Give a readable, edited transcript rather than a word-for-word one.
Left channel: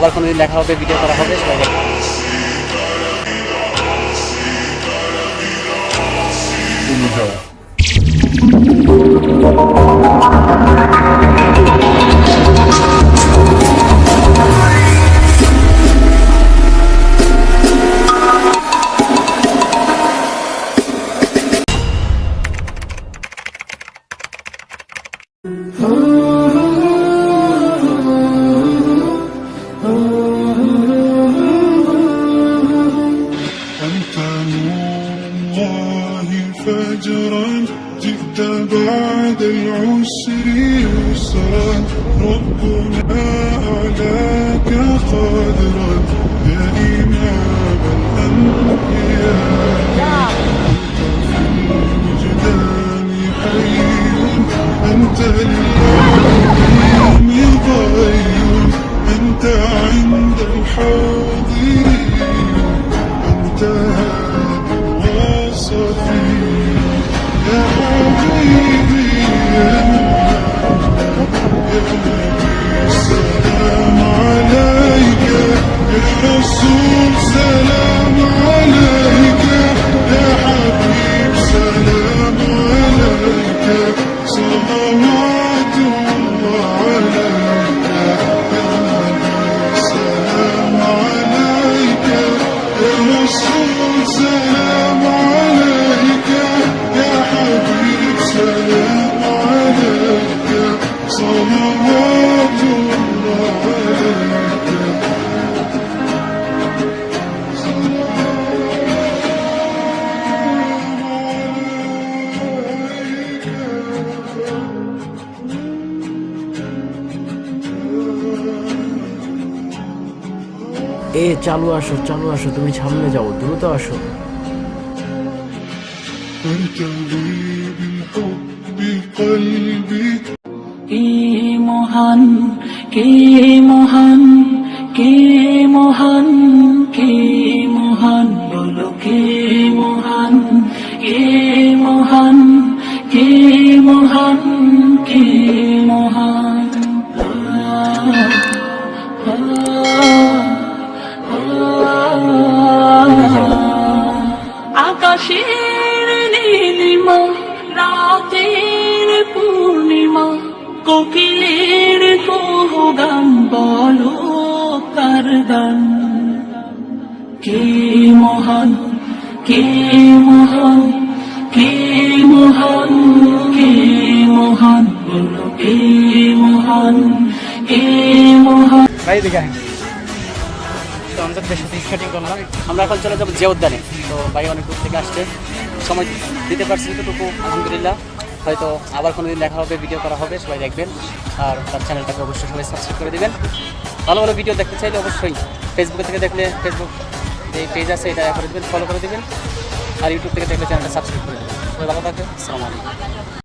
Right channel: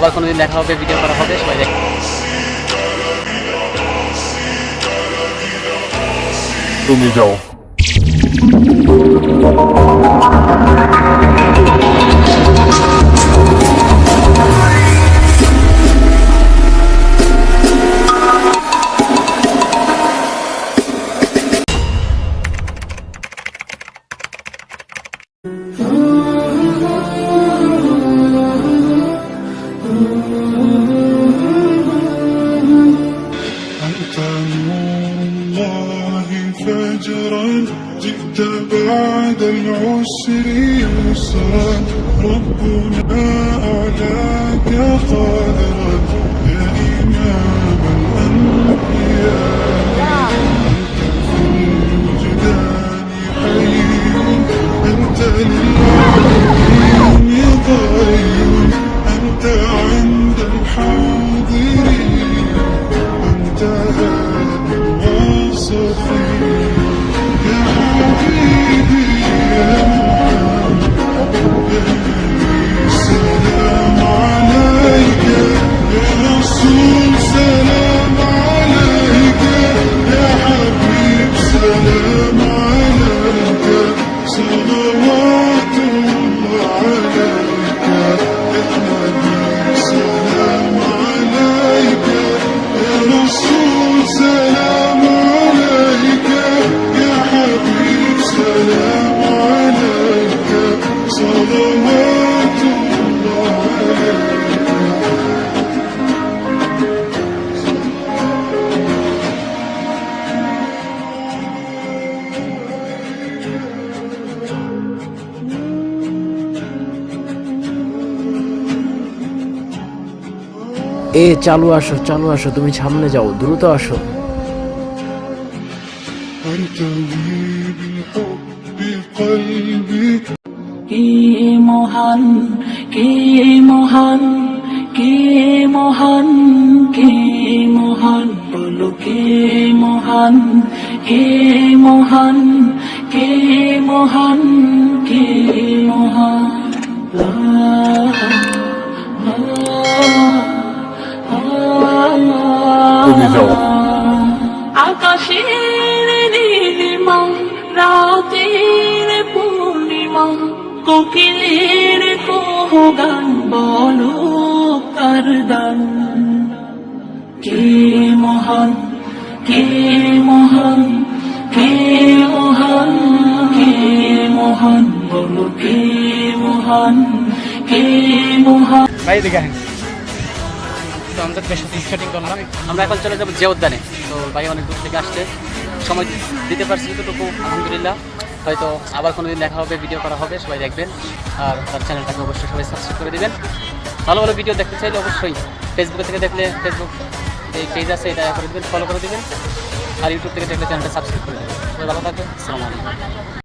আবার কোনোদিন দেখা হবে, ভিডিও করা হবে, সবাই তুমি যাও। فجرا جئت بعد العسر يسرا ربنا أعلاك قادرا يا إمام الأنبياء الوجدان حي أنت اليوم ضي أنت عند الحاضرين أنت صفي يا حبيبي يا سلام عليك يا رسول سلام عليك يا حبيب سلام عليك صلوات الله عليك يا نبي سلام عليك يا رسول سلام عليك يا حبيب سلام عليك صلوات الله عليك চালু আসো, তুমি সামনে যাও, দ্রুত আসো। কে মহান, কে মহান, কে মহান, কে মহান, বলো কে মহান, কে মহান, কে মহান, কে মহান। তুমি যাও। আকাশের নীলিমা, রাতের পূর্ণিমা, কোকিলের গান বলো কার দান। কে মহান, কে মহান, কে মহান, কে মহান, বলো কে মহান, কে মহান। ভাই দেখেন তো আমাদের সাথে স্কেটিং করলাম। আমরা এখন চলে যাবো যে উদ্যানে। তো ভাই অনেক দূর থেকে আসছে, সময় দিতে পারছি যতটুকু আলহামদুলিল্লাহ। হয়তো আবার কোনোদিন দেখা হবে, ভিডিও করা হবে, সবাই দেখবেন। আর তার চ্যানেলটাকে অবশ্যই সবাই সাবস্ক্রাইব করে দেবেন। ভালো ভালো ভিডিও দেখতে চাইলে অবশ্যই ফেসবুকে থেকে দেখলে ফেসবুক যে পেজ আছে এটা করে দেবেন, ফলো করে দেবেন। আর ইউটিউব থেকে দেখলে চ্যানেলটা সাবস্ক্রাইব করে দেবেন। ভালো থাকে, আসসালামু আলাইকুম।